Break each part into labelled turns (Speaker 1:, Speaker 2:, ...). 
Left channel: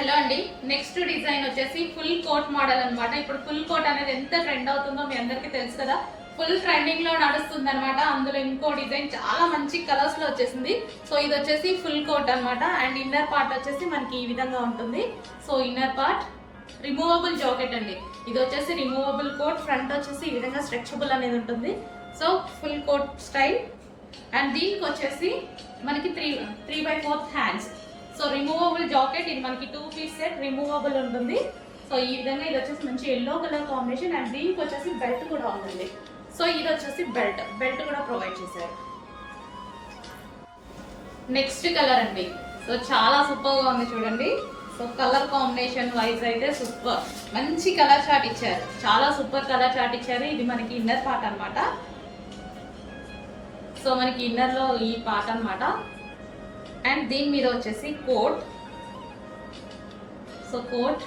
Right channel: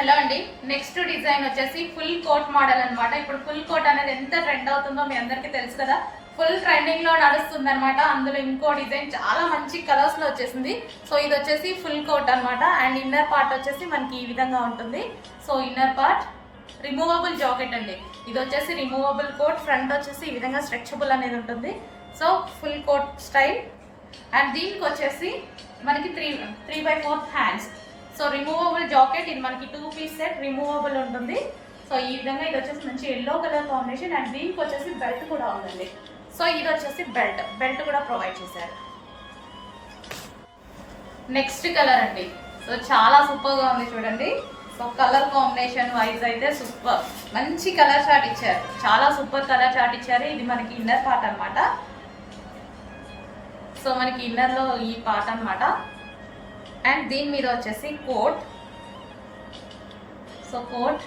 Speaker 1: Hello అండి. Next design వచ్చేసి full coat model అనమాట ఇప్పుడు ఫుల్ కోట్ అనేది ఎంత ట్రెండ్ అవుతుందో మీ అందరికీ తెలుసు కదా. ఫుల్ ట్రెండింగ్లో నడుస్తుంది అనమాట అందులో ఇంకో డిజైన్ చాలా మంచి కలర్స్లో వచ్చేసింది. సో ఇది వచ్చేసి ఫుల్ కోట్ అన్నమాట. అండ్ ఇన్నర్ పార్ట్ వచ్చేసి మనకి ఈ విధంగా ఉంటుంది. So inner part removable jacket అండి. ఇది వచ్చేసి రిమూవబుల్ కోట్. ఫ్రంట్ వచ్చేసి ఈ విధంగా స్ట్రెచబుల్ అనేది ఉంటుంది. So full coat style. And దీనికి వచ్చేసి మనకి three three by fourth hands so removable jacket ఇది మనకి టూ పీస్ సెట్ రిమూవబుల్ ఉంటుంది. సో ఈ విధంగా ఇది వచ్చేసి మంచి ఎల్లో కలర్ కాంబినేషన్ అండ్ దీనికి వచ్చేసి బెల్ట్ కూడా ఉందండి. సో ఇది వచ్చేసి బెల్ట్ బెల్ట్ కూడా ప్రొవైడ్ చేశారు. నెక్స్ట్ కలర్ అండి. సో చాలా సూపర్గా ఉంది చూడండి. సో కలర్ కాంబినేషన్ వైజ్ అయితే సూపర్ మంచి కలర్ చార్ట్ ఇచ్చారు. చాలా సూపర్ కలర్ చార్ట్ ఇచ్చారు. ఇది మనకి ఇన్నర్ పార్ట్ అనమాట సో మనకి ఇన్నర్లో ఈ పార్ట్ అనమాట అండ్ దీని మీద వచ్చేసి coat. So coat.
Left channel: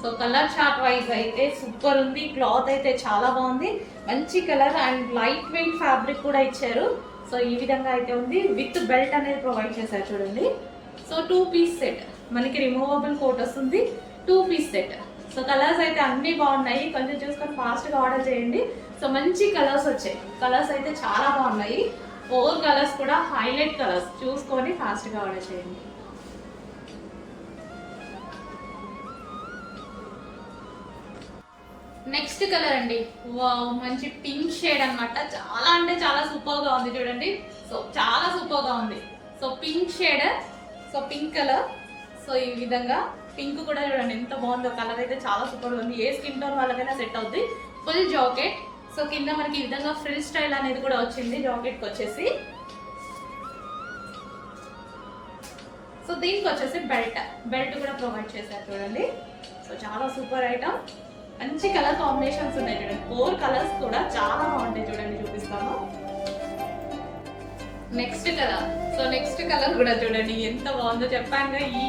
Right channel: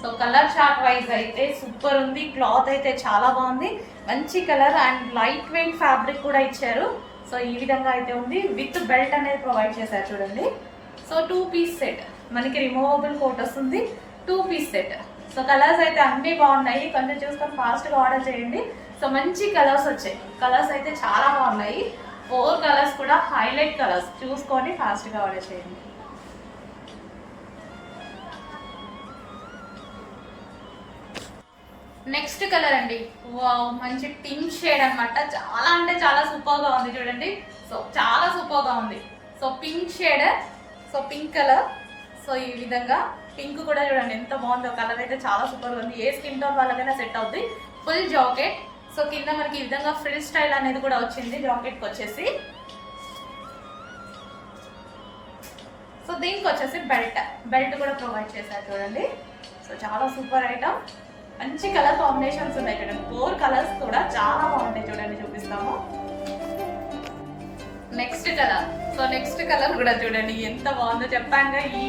Speaker 1: So colour chart wise అయితే సూపర్ ఉంది. క్లాత్ అయితే చాలా బాగుంది. మంచి colour and light weight fabric కూడా ఇచ్చారు. సో ఈ విధంగా అయితే ఉంది. విత్ బెల్ట్ అనేది ప్రొవైడ్ చేశారు చూడండి. So two piece set. మనకి రిమూవబుల్ కోట్ వస్తుంది. Two piece set. So colours అయితే అన్నీ బాగున్నాయి. కొంచెం చూసుకొని ఫాస్ట్గా ఆర్డర్ చేయండి. సో మంచి కలర్స్ వచ్చాయి. కలర్స్ అయితే చాలా బాగున్నాయి. ఫోర్ కలర్స్ కూడా హైలైట్ కలర్స్. చూసుకొని ఫాస్ట్గా ఆర్డర్ చేయండి. నెక్స్ట్ కలర్ అండి. వావ్ మంచి పింక్ షేడ్ అన్నమాట. చాలా అంటే చాలా సూపర్గా ఉంది చూడండి. సో చాలా సూపర్గా ఉంది. So pink shade so pink colour. So ఈ విధంగా పింక్ కూడా చూడండి ఎంత బాగుందో. కలర్ అయితే చాలా సూపర్గా ఉంది. ఏ స్కిన్ టోన్ వాళ్ళకైనా సెట్ అవుతుంది ఫుల్ జాకెట్. సో కింద మనకి ఈ విధంగా ఫ్రిల్ స్టైల్ అనేది కూడా వచ్చింది జాకెట్కి వచ్చేసి. సో దీనికి వచ్చేసి బెల్ట్ బెల్ట్ కూడా ప్రొవైడ్ చేశారు చూడండి. సో చాలా సూపర్ ఐటమ్ మంచి కలర్ కాంబినేషన్స్ ఉన్నాయి చూడండి. ఫోర్ కలర్స్ కూడా చాలా బాగుంటాయి చూడండి చూపిస్తాము next colour so next colour కూడా చూడండి ఎంత బాగుందో చెప్పాను ఈ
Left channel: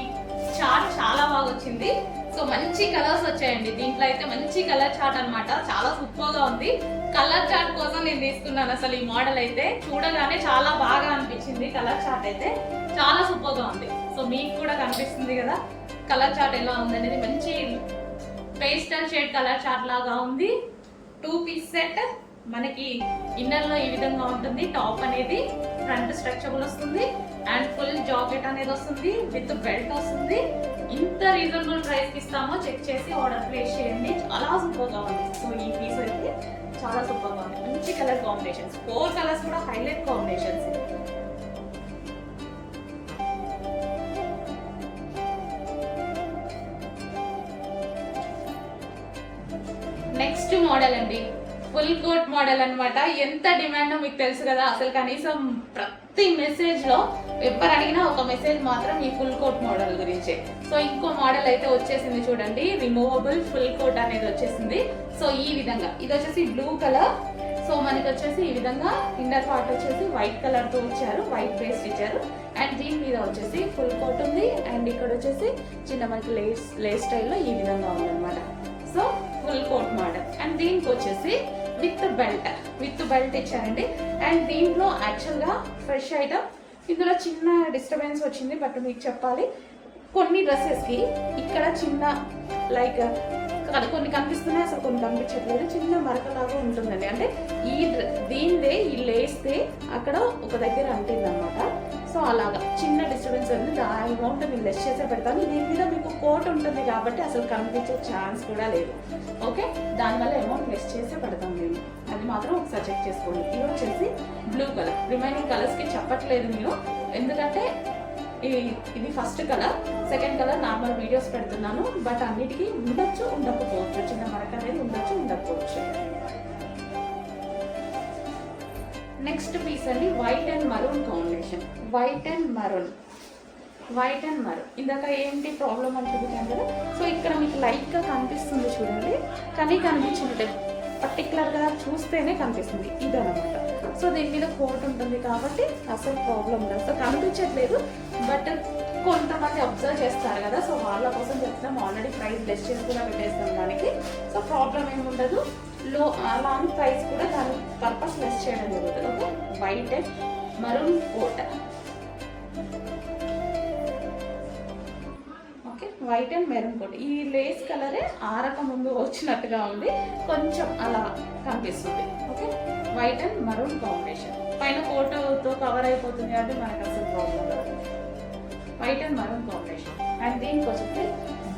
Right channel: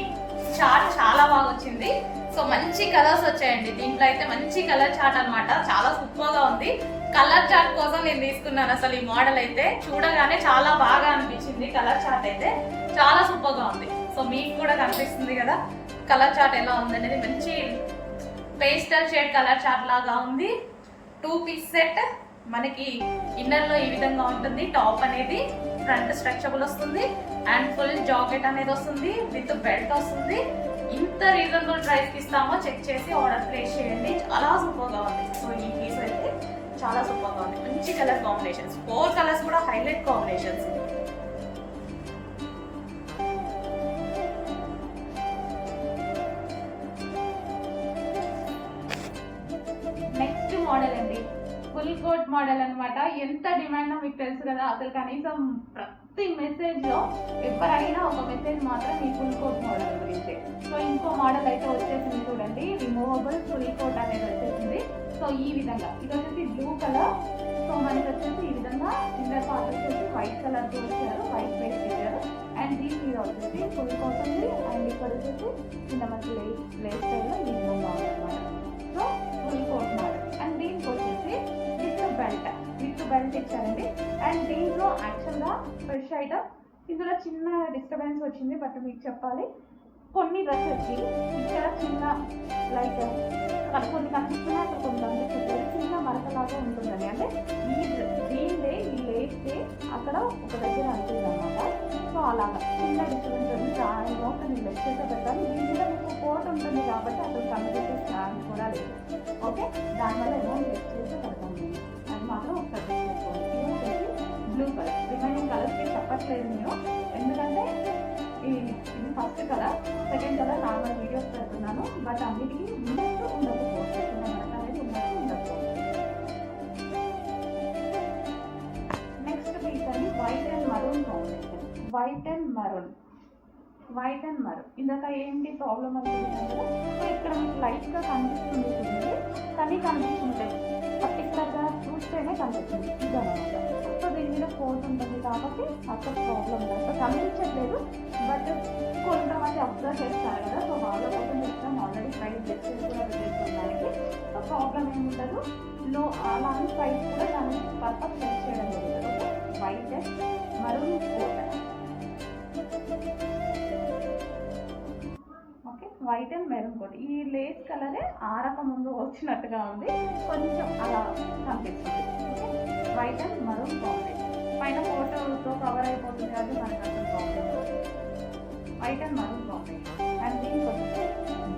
Speaker 1: చార్ట్ చాలా బాగా వచ్చింది. సో మంచి కలర్స్ వచ్చాయండి. దీంట్లో అయితే మంచి కలర్ చాట్ అన్నమాట. చాలా సూపర్గా ఉంది. కలర్ చార్ట్ కోసం నేను తీసుకున్నాను అసలు ఈ మోడల్ అయితే. చూడగానే చాలా బాగా అనిపించింది కలర్ చార్ట్ అయితే. చాలా సూపర్గా ఉంది. సో మీకు కూడా కనిపిస్తుంది కదా కలర్ చార్ట్ ఎలా ఉందనేది. మంచి పేస్టల్ షేడ్ కలర్ చాట్ లాగా ఉంది. టూ పీస్ సెట్ మనకి ఇన్నర్లో ఈ విధంగా ఉంటుంది. టాప్ అనేది ఫ్రంట్ స్ట్రక్చబుల్ వస్తుంది. అండ్ ఫుల్ జాకెట్ అనేది వస్తుంది. విత్ బెల్ట్ వస్తుంది. ఇంత రీజనబుల్ ప్రైస్కి ఇస్తామో చెక్ చేసి ఆర్డర్ ప్లేస్ చేయండి. చాలా సూపర్గా ఉంది. సో ఈ పీస్ అయితే చాలా సూపర్గా ఉంది. మంచి కలర్ కాంబినేషన్స్ ఫోర్ కలర్స్ కూడా హైలైట్ కాంబినేషన్స్ నెక్స్ట్ మోడల్ అండి. ఫుల్ కోట్ మోడల్ అన్నమాట. ఎంత డిమాండ్ మీకు తెలుసు కదా. అసలు కనీసం ప్రతి మెసేజ్లో ఎవరు అడిగినా ఒక మెసేజ్ మాత్రం ఈ ఫుల్ కోట్ మోడల్ గురించే. సో ఇంకో మోడల్ అయితే వచ్చేసింది చూడండి. రిమూవబుల్ ఫుల్ కోట్ అనేది వచ్చేసింది. సో ఈ విధంగా. ఇది వచ్చేసి బ్లూ కలర్ సో మనకి వచ్చేసి ఈ విధంగా ఇన్నర్ పార్ట్ వచ్చేసి వైట్ కలర్తో వైట్ పేస్ట్ ఇచ్చారు. అండ్ దీని మీద వచ్చేసి ఫుల్ కోట్ ఉంది. అండ్ ఇక్కడ వచ్చేసి చిన్న మనకి లేస్ లేస్ స్టైల్లో ఈ విధంగా ఉంది అనమాట so full coat model and దీనికి వచ్చేసి విత్ బెల్ట్ విత్ బెల్ట్ ఇచ్చారండి. అండ్ దీంట్లో యాక్చువల్గా ఫ్రెష్ ఐటమ్ ఇందులో చిన్న డిస్టర్బెన్స్ వచ్చింది బట్ మీకు చెప్పాలి. కొన్ని డ్రెస్సెస్కి ఇక్కడ చిన్న లైక్ కొన్ని కనిపిస్తున్నాయి అసలు కొన్ని కనిపించట్లేదు. చిన్న మరకలాగా ఉంటుందండి. అంటే ఈ దీనిదే ఈ లేస్తే అక్కడ ఒక దగ్గర అంటుంది అనమాట సో అలాగా. చిన్న డిస్టర్బెన్స్ ఉంది. ఆ అమౌంట్ నేను లెస్ చేసే పెడతాను. దీని మీద మీకు కోట్ ఉంటుంది కాబట్టి అసలు కనిపించే ఛాన్స్ కూడా లేదు. ఓకే దానివల్ల అమౌంట్ లెస్ చేసే పెడతాం మేము. అది మాత్రం ఒకసారి చెక్ చేసుకోండి. ఇది వచ్చేసి బ్లూ కలర్ రిమైనింగ్ కలర్స్కి చెప్పట్లేదు నేను ఎందుకంటే ఇది ఇది first colour second colour normal videos పెడుతున్నాను. బట్ అన్నిటికీ ఉండొచ్చు ఉండకపోవచ్చు. చిన్న మరక అనేది ఉండొచ్చు ఉండకపోవచ్చు. నెక్స్ట్ పీస్ అండి white and maroon combination white and maroon. White and maroon. ఇందాక ఏంటి ప్రాబ్లం అని కదా సో ఇక్కడ మీకు లైట్గా కనిపిస్తుంది చూడండి. కానీ కనిపించినట్టే పర్టికులర్గా చూస్తేనే కనిపిస్తుంది. ఇదనమాట సో దీని మీద కోట్ ఉంటుంది కాబట్టి అసలు ప్రాబ్లం లేదు. సో కనిపించట్లేదు. బట్ కొంతమంది అబ్జర్వ్ చేస్తారు కదా. సో వాళ్ళ కోసం చెప్తాం. ఆల్రెడీ ప్రైస్ బెస్ట్ చేసి కూడా పెట్టేస్తాం దానికి. సో ప్రాబ్లం ఏమి ఉండదు. లో లాంగ్ ప్రైస్ కూడా దాని పర్పస్ లెస్ చేయడం జరుగుతుంది. Okay white and maroon coat. White and maroon coat. ఈ లేస్ కలరే ఆరక ముందు వచ్చినట్టుగా ఉంది. కొంచెం అలా కనిపిస్తుంది. Okay? White and maroon combination. పైన కోటుతో కవర్ అయిపోతుంది అది మనకు అసలు problem white and maroon combination. And దీనికి వచ్చేసి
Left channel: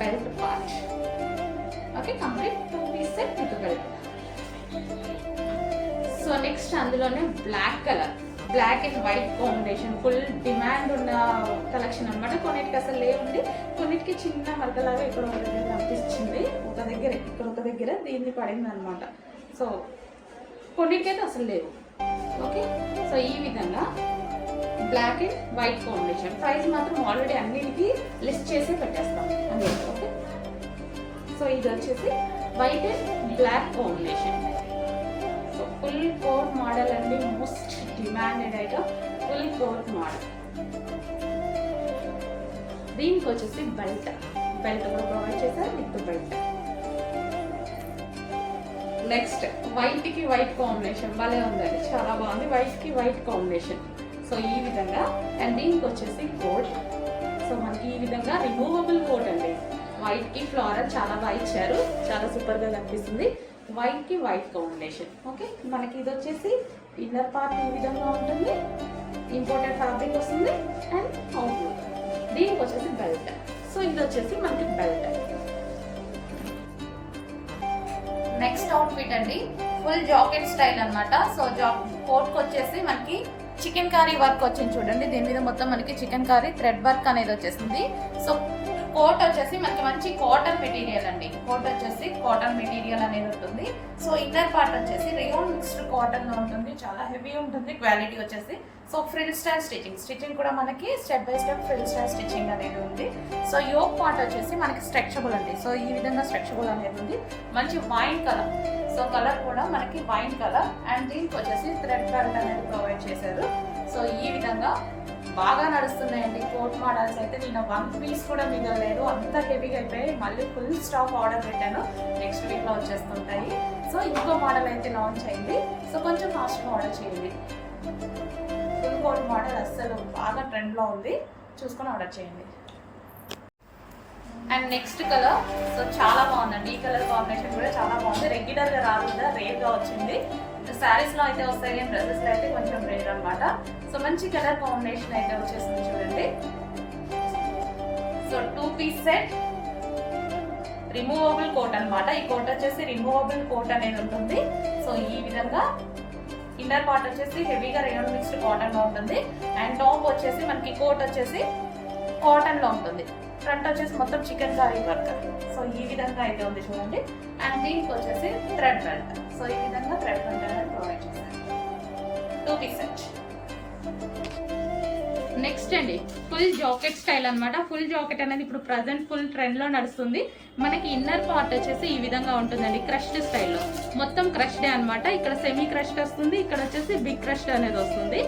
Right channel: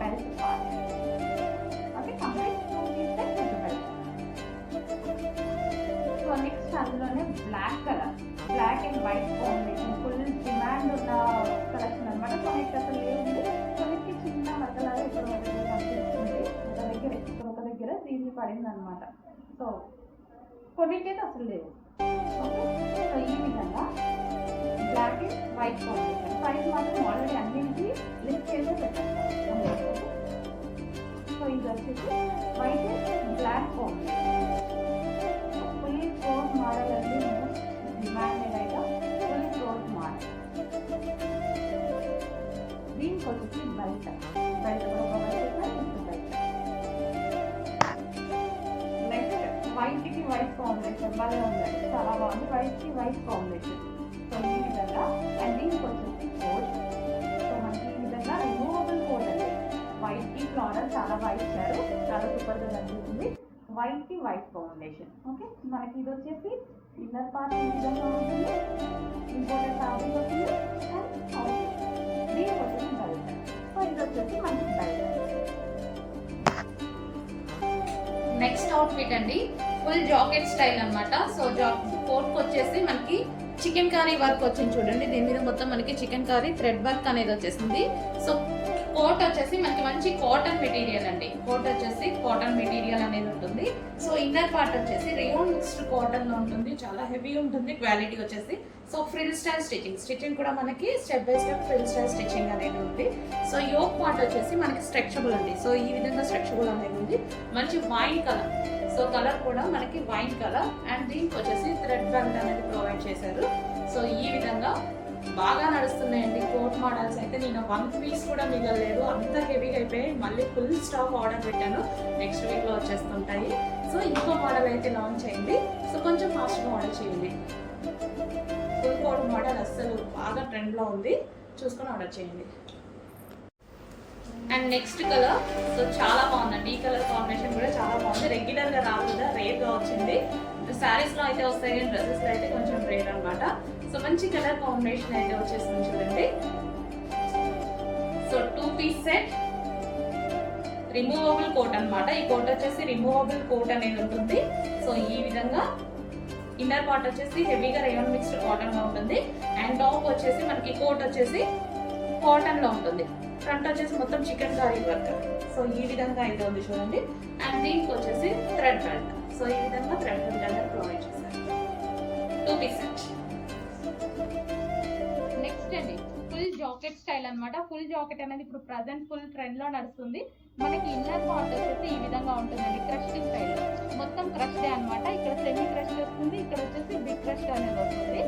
Speaker 1: belt part. Okay? Complete two piece set with belt. So next అందులోనే black colour. Black and white combination. Full demand ఉన్న కలెక్షన్ అనమాట కొన్నిటికి అసలు లేవుంది కొన్నిటికి చిన్న మరకలాగా ఇక్కడ ఒక దగ్గర కనిపించింది. ఒక దగ్గర ఇక్కడ ఒక దగ్గర దీన్ని పడింది అనమాట సో కొన్నిటికైతే అసలు లేవు. ఓకే సో ఈ విధంగా black and white combination price మాత్రం ఆల్రెడీ అన్నిటికీ లిస్ట్ చేసి పెట్టేస్తాం. ఓకే సో ఇది వచ్చేసి white and black combination so full coat model అండి. Most demanded item full coat model దీనికి వచ్చేసి బెల్ట్. బెల్ట్ కూడా ప్రొవైడ్ చేశారు విత్ బెల్ట్. నెక్స్ట్ వైట్కి వైట్ కాంబినేషన్ భలే ఉందండి. చాలా బాగుంది. వైట్కి వైట్ కాంబినేషన్ సో ఈ విధంగా అండ్ దీనికి వచ్చేసి కోట్ సో మనకి ఈ విధంగా రిమూవబుల్ కోట్ అండి. వైట్కి ఫ్లోరల్ చాలా బాగా ఇచ్చారు. చాలా సూపర్గా కనిపిస్తుంది. వైట్కి వైట్ కాంబినేషన్ ఓకే మనకి ఇది వచ్చేసి ఇన్నర్ పార్ట్ ఈ విధంగా ఉంటుంది. ఇంపార్టెంట్ ఫ్యాబ్రిక్ వస్తుంది. అండ్ అవుట్ దీనికి వచ్చేసి బెల్ట్ సో ఇది వచ్చేసి మనకి బెల్ట్ నెక్స్ట్ అవుట్ఫిట్ అండి ఫుల్ జాకెట్ స్టైల్ అనమాట సో జా కోట్కి వచ్చేసి మనకి చికెన్ కర్రీ వర్క్ వచ్చింది చూడండి. దీని మీద మొత్తం మనకి చికెన్ కర్రీ థ్రెడ్ వర్క్ అనేది వచ్చేసింది. సో కోట్ వచ్చేసి మనకి మంచి కాటన్ మెటీరియల్ అండి. కోట్ వచ్చేసి కాటన్ మెటీరియల్ అనేది ఉంటుంది. సో ఇన్నర్ పార్ట్ వచ్చేసి రియోన్ మిక్స్డ్ కాటన్లో ఉంటుంది. చాలా హెవీ ఉంటుంది. క్వాలిటీ వచ్చేసి so frill style stitching stitching కూడా మనకి step by step frill style stitching అనేది ఉంది. సో యోక్ పార్ట్ వచ్చేసి మనకి స్ట్రెచబుల్ ఉంది సో ఈ విధంగా స్ట్రెచబుల్ అనేది ఉంది. మంచి వైన్ కలర్ సో కలర్ కూడా మనకి వైన్ కలర్ అండ్ దీనికి వచ్చేసి థ్రెడ్ బెల్ట్ అనేది ప్రొవైడ్ చేశారు. సో ఈ విధంగా బాగా నడుస్తున్నాయండి. కోట్ మోడల్స్ అయితే నిన్న వన్ పీస్ కూడా మిగలలేదు. అంత హెవీగా అయిపోయి మళ్ళీ ఫుల్ స్టాక్ ఆర్డర్ పెట్టాను. నెక్స్ట్ వీక్లో వచ్చేస్తుంటాయి. సో ఇంకో మోడల్ అయితే లాంచ్ అయింది. సో కొంచెం ఫాస్ట్గా ఆర్డర్ చేయండి. గోల్డ్ మోడల్ అస్సలు. బాగా ట్రెండ్లో ఉంది. చూసుకొని ఆర్డర్ చేయండి. అండ్ నెక్స్ట్ కలర్ సో చాలా బాగుందండి. ఈ కలర్ కాంబినేషన్ కూడా చాలా బాగుంది. రెగ్యులర్గా రాకుండా రేర్గా వచ్చింది. శారీస్లో అయితే వస్తాయి డ్రెస్సెస్లో అయితే కొంచెం రేర్ అన్నమాట. సో మంచి కలర్ కాంబినేషన్ అయితే వచ్చేసింది చూడండి. So two piece set removable coat అన్నమాట. ఈ కోట్ వచ్చేసి రిమూవబుల్ కోట్ అనేది ఉంటుంది. సో ఈ విధంగా ఇన్నర్ పార్ట్ వచ్చేసి హెవీగా రేయన్ మిక్స్డ్ కాటన్లో ఉంటుంది. అండ్ టాప్ వచ్చేసి మనకి కోట్ వచ్చేసి కాటన్లో ఉంటుంది. ఫ్రంట్ వచ్చేసి మొత్తం చికెన్ కర్రీ వర్క్. సో ఈ విధంగా అయితే ఉంది చూడండి. అండ్ దీనికి వచ్చేసి థ్రెడ్ బెల్ట్ సో ఈ విధంగా థ్రెడ్ బెల్ట్ అనేది ప్రొవైడ్ చేశారు. టూ పీస్ నెక్స్ట్ అండి. ఫుల్ జాకెట్ స్టైల్ అన్నమాట. ఫుల్ జాకెట్ అనేది ఇప్పుడు ప్రజెంట్ ఫుల్ ట్రెండ్లో నడుస్తుంది. మనకి ఇన్నర్ పార్ట్ వచ్చేసి ఈ విధంగా ఉంటుందండి క్రష్డ్ స్టైల్లో. మొత్తం క్రష్డే అన్నమాట. ఇక్కడ సెమీ క్రష్డ్ వస్తుంది ఇక్కడ వచ్చేసి బిగ్ క్రష్డ్ అనేది వస్తుంది.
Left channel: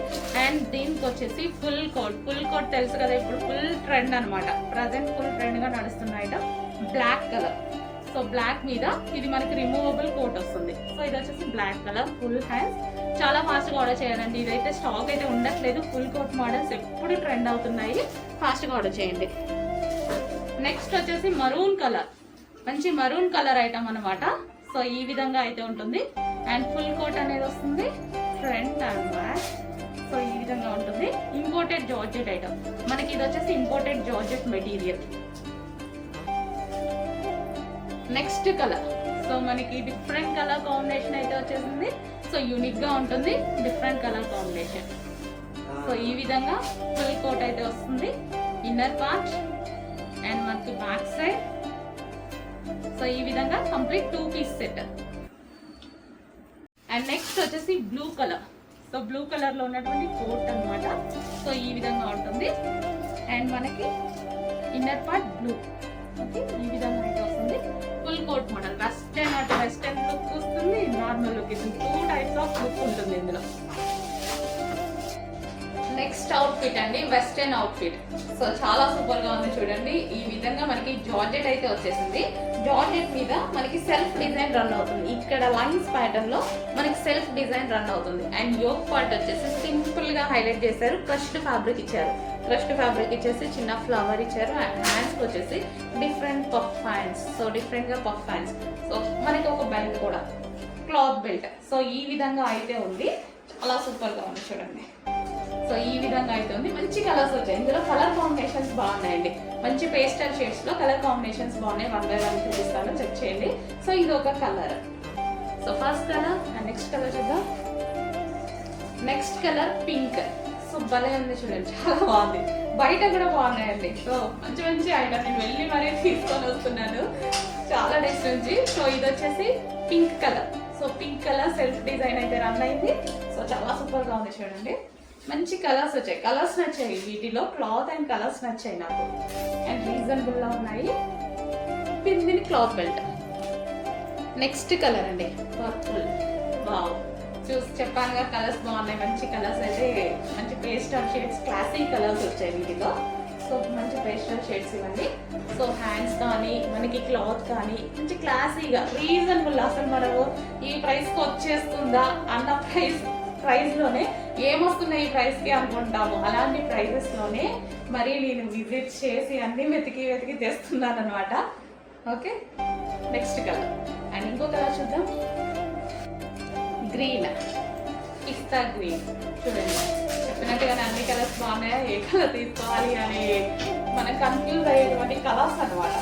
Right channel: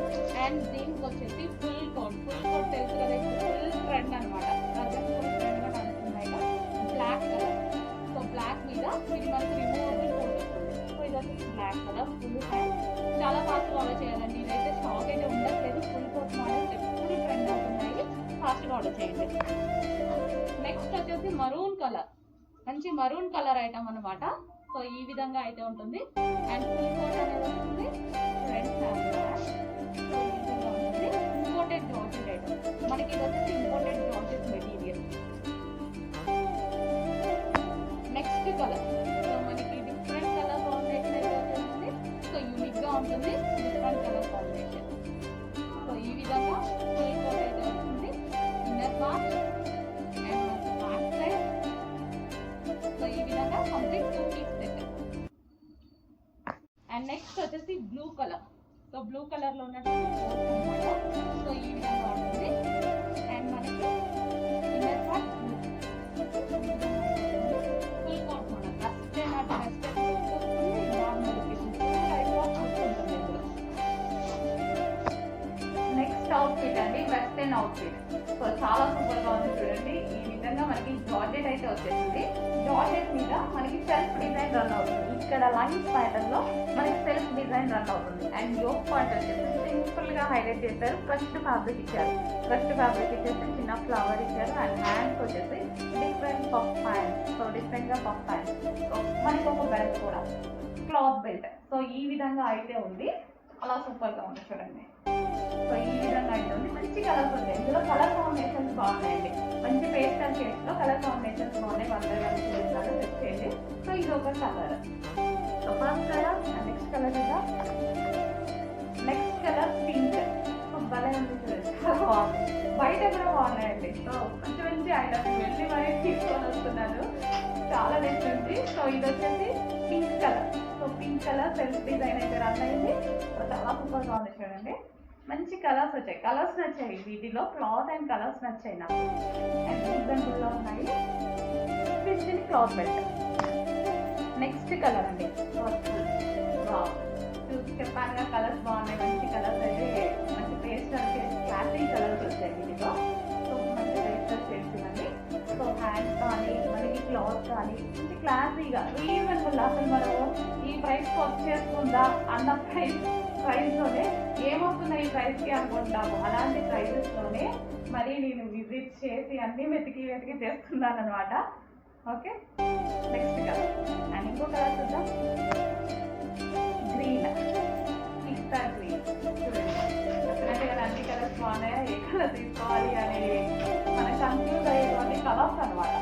Speaker 1: అండ్ దీనికి వచ్చేసి ఫుల్ కోట్. ఫుల్ కోట్ తెలుసు కదా ఇప్పుడు ఫుల్ ట్రెండ్ అన్నమాట. ప్రజెంట్ ఫుల్ ట్రెండ్గా నడుస్తున్న item black colour so black మీద ఇది మనకి రిమూవబుల్ కోట్ వస్తుంది. సో ఇది వచ్చేసి బ్లాక్ కలర్ ఫుల్ హ్యాండ్ చాలా ఫాస్ట్గా ఆర్డర్ చేయాలండి. ఇదైతే స్టాక్ అయితే ఉండట్లేదు. ఫుల్ కోట్ మోడల్స్ ఎప్పుడు ట్రెండ్ అవుతున్నాయి. ఫాస్ట్గా ఆర్డర్ చేయండి. నెక్స్ట్ వచ్చేసి మరూన్ కలర్ మంచి మరూన్ కలర్ ఐటమ్ అనమాట సో ఈ విధంగా అయితే ఉంటుంది. అండ్ ఫుల్ కోట్ అనేది వస్తుంది. ఫ్రంట్ అండ్ బ్యాక్ సో ఈ విధంగా ఉంటుంది. ఇంపోర్టెడ్ జార్జెట్ ఐటమ్ మనకి ఇది వచ్చేసి imported georgette material next colour so మనకి డిఫరెంట్ కలర్ కాంబినేషన్ అయితే వచ్చేసింది. సో యూనిక్గా ఉంటుంది డిఫరెంట్ కలర్ కాంబినేషన్ సో ఈ విధంగా ఫుల్ కోట్ అయితే వస్తుంది. ఇన్నర్ పార్ట్ అండ్ మనకి బ్యాక్ సైడ్ సో ఈ విధంగా complete two piece set and next వచ్చేసి బ్లూ కలర్ సో బ్లూ కలర్లో ఉన్నటువంటి కోట్ అన్నమాట. సో ఈ విధంగా ఉంటుంది. అండ్ మనకి ఇన్నర్ పార్ట్ బ్లూ అవుట్ఫిట్ అండి వెస్టర్న్ అవుట్ఫిట్ సో చాలా సూపర్గా ఉంది చూడండి. ఈ విధంగా మనకి జార్జెట్ అయితే వచ్చేసింది. జార్జెట్ మీద మనకి సెల్ఫ్ డిజైన్ రన్ అవుతుంది. ఇక్కడ లైన్స్ ప్యాటర్న్లో మనకి సెల్ఫ్ డిజైన్ రన్ అవుతుంది. అండ్ యోక్ పార్ట్ వచ్చేసి సింపుల్గా హైలైట్ చేశారు. క్రష్డ్ ఫ్యాబ్రిక్ ఇచ్చారు. క్రష్డ్ ఫ్యాబ్రిక్ ఇచ్చేసి చిన్న ఫ్లవర్ ఇచ్చారు. అండ్ హ్యాండ్స్ వచ్చేసి డిఫరెంట్ పఫ్ హ్యాండ్స్ సో డిఫరెంట్గా పఫ్ హ్యాండ్స్ సో మనకి ఒక బెల్ట్ కూడా. క్లాత్ బెల్ట్ సో ఈ విధంగా అయితే ఉంది. చాలా సూపర్గా ఉంది చూడండి. సో ఈ విధంగా అయితే ఉంది మంచి కలర్స్ వచ్చాయి. ఇందులో కలర్ కాంబినేషన్స్ బాగున్నాయండి. మంచి పేస్టల్ షేడ్స్లో కలర్ కాంబినేషన్స్ బాగున్నాయి. వన్ బై వన్ చూపిస్తాను. చెక్ చేయండి. సో ఇది ఒక colour. So first colour and next colour చూద్దాం. Next colour pink. సో భలే ఉంది చూడండి. చాలా బాగుంది. బయట కూడా బాగున్నాయండి. సో మంచి మంచి ఐటమ్ నేను వెళ్ళి మరీ తీసుకొని వస్తున్నాను చాలా డేస్ నుంచి సో ఇది వచ్చేసి pink colour. So pink colour self design అయితే రన్ అయింది. సో చాలా సూపర్గా ఉంది చూడండి. మంచి కలర్స్ వచ్చాయి. కలర్స్ నచ్చాయి వీటిలో. క్లాత్ అండ్ కలర్స్ నచ్చాయి నాకు. అండ్ రీజనబుల్ ఉన్నాయి. దీని క్లాత్ బెల్ట్. నెక్స్ట్ కలర్ అండి. వర్క్ఫుల్ వావ్ చూసి చెప్పానుగా కలర్స్ బాగున్నాయి మంచి కలర్స్ అయితే మంచి పేస్టల్ షేడ్స్ క్లాసిక్ కలర్స్ వచ్చాయి వీటిలో. సో మంచి పేస్టల్ షేడ్స్ ఇవ్వండి. సో హ్యాండ్స్ కానీ మనకి క్లాత్ కానీ మంచి క్లాసీగా రీజనబుల్ అసలు మనము ఈ ప్రైస్కి వచ్చేస్తుందా? అన్న ప్రైస్ ప్రైస్లోనే ఏమొస్తున్నాయి ఈ ప్రైస్కి అనుకుంటాము. అలాంటి ప్రైజెస్లోనే మరి నేను విజిట్ చేసి అన్నీ వెతికి వెతికి తెస్తున్నాను అనమాట ఓకే నెక్స్ట్ కలర్ అండ్ ఇంకో కలర్ చూద్దాం. గ్రీన్ పిస్తా గ్రీన్ చూడండి. చెప్పినట్టుగా అన్ని కలర్స్ బాగున్నాయా? ఏ కలర్ తీసుకోవాలి అని మనం కన్ఫ్యూజ్ అయ్యేటువంటి కలర్స్ అన్నమాట.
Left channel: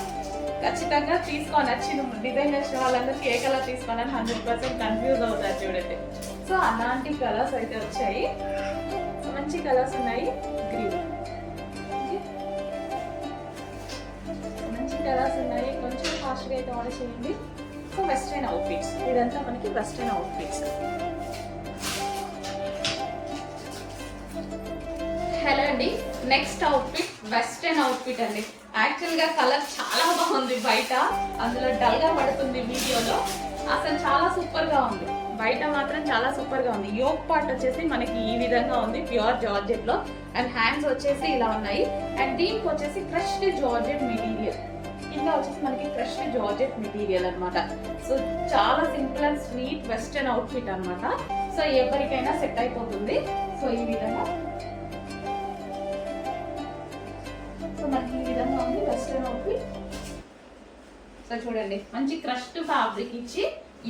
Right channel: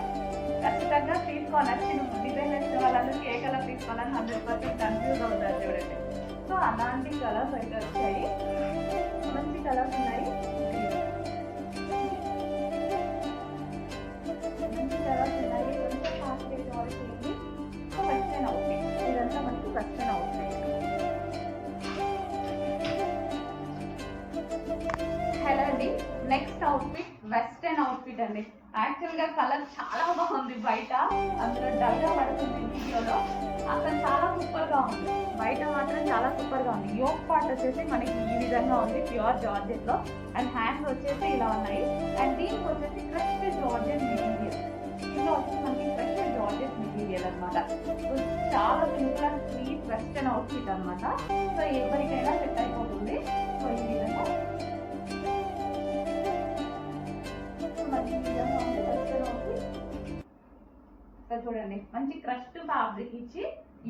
Speaker 1: ఖచ్చితంగా తీసుకో నచ్చిన డిజైన్ చేసిన వాళ్ళందరికీ ఏ కలర్ తీసుకోవాలని హండ్రెడ్ పర్సెంట్ కన్ఫ్యూజ్ అవుతారు చూడండి. సో అలాంటి కలర్స్ అయితే వచ్చాయి. మంచి కలర్స్ ఉన్నాయి. గ్రీన్ మంచి కలర్స్ ఉన్నాయి. కొంచెం ఫాస్ట్గా అయితే ఆర్డర్ చేయండి. సో వెస్ట్రన్ అవుట్ఫిట్స్ ఇదంతా మనకి వెస్ట్రన్ అవుట్ఫిట్స్ హలో అండి. నెక్స్ట్ అవుట్ఫిట్ వెస్ట్రన్ అవుట్ఫిట్ అండి. యాక్చువల్గా కలర్ చాలా బాగుంది బయట. అందులో డల్గా పడుతుంది వీడియోలో. అసలు చాలా సూపర్గా ఉంది. బయట మాత్రం చాలా సూపర్గా ఉంది. యోక్ పార్ట్ వచ్చేసి మనకి ఈ విధంగా ఉంది ప్యూర్ జార్జెట్లో. అండ్ హ్యాండ్స్ వచ్చేసి ఇలా ఉన్నాయి. అండ్ దీనికి వచ్చేసి క్రష్డ్ జార్జెట్ మెటీరియల్ కింద వచ్చేసి మనకి ఫ్రెష్ జార్జెట్ మెటీరియల్ అనమాట సో చాలా simple and sweet western outfit అనమాట సో ఎవరికైనా సెట్ అయిపోతుంది. సో ఈ విధంగా మనకి ఈ విధంగా ఉంది వెస్టర్న్ అవుట్ఫిట్ సో చూడండి మంచి క్రష్డ్ ఫ్యాబ్రిక్ ఇచ్చి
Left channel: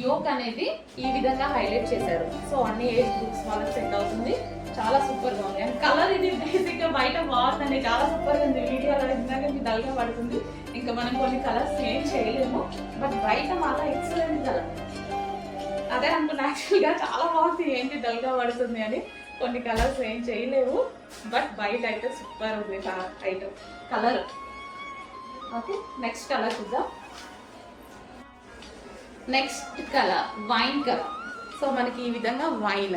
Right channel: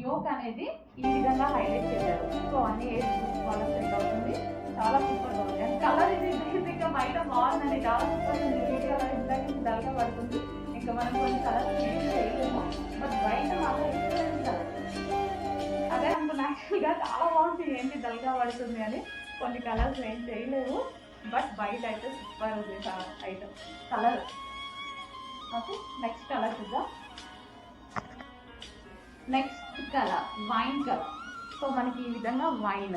Speaker 1: యోక్ అనేది ఈ విధంగా హైలైట్ చేశారు. సో అన్ని ఏజ్ గ్రూప్స్ వాళ్ళకి సెట్ అవుతుంది. చాలా సూపర్గా ఉంది. అండ్ కలర్ ఇది బేసిక్గా బయట బాగుందండి. చాలా సూపర్ ఉంది. వీడియోలో ఇందాక డల్గా పడుతుంది. ఇంకా మనం కొన్ని కలర్స్ ఏం చేయలేము. బట్ బయట మాత్రం ఎక్సలెంట్ కలర్ అదే అనుకున్నా యాక్చువల్గా చాలా బాగుంది. ఏంటి డల్గా పడుతుంది అని. కొన్ని కలర్స్ ఏం చేయలేవు బట్ బయట అయితే సూపర్ ఉంది item colour okay next colour చూద్దాం. Next colour wine colour so మనకి ఈ విధంగా వైన్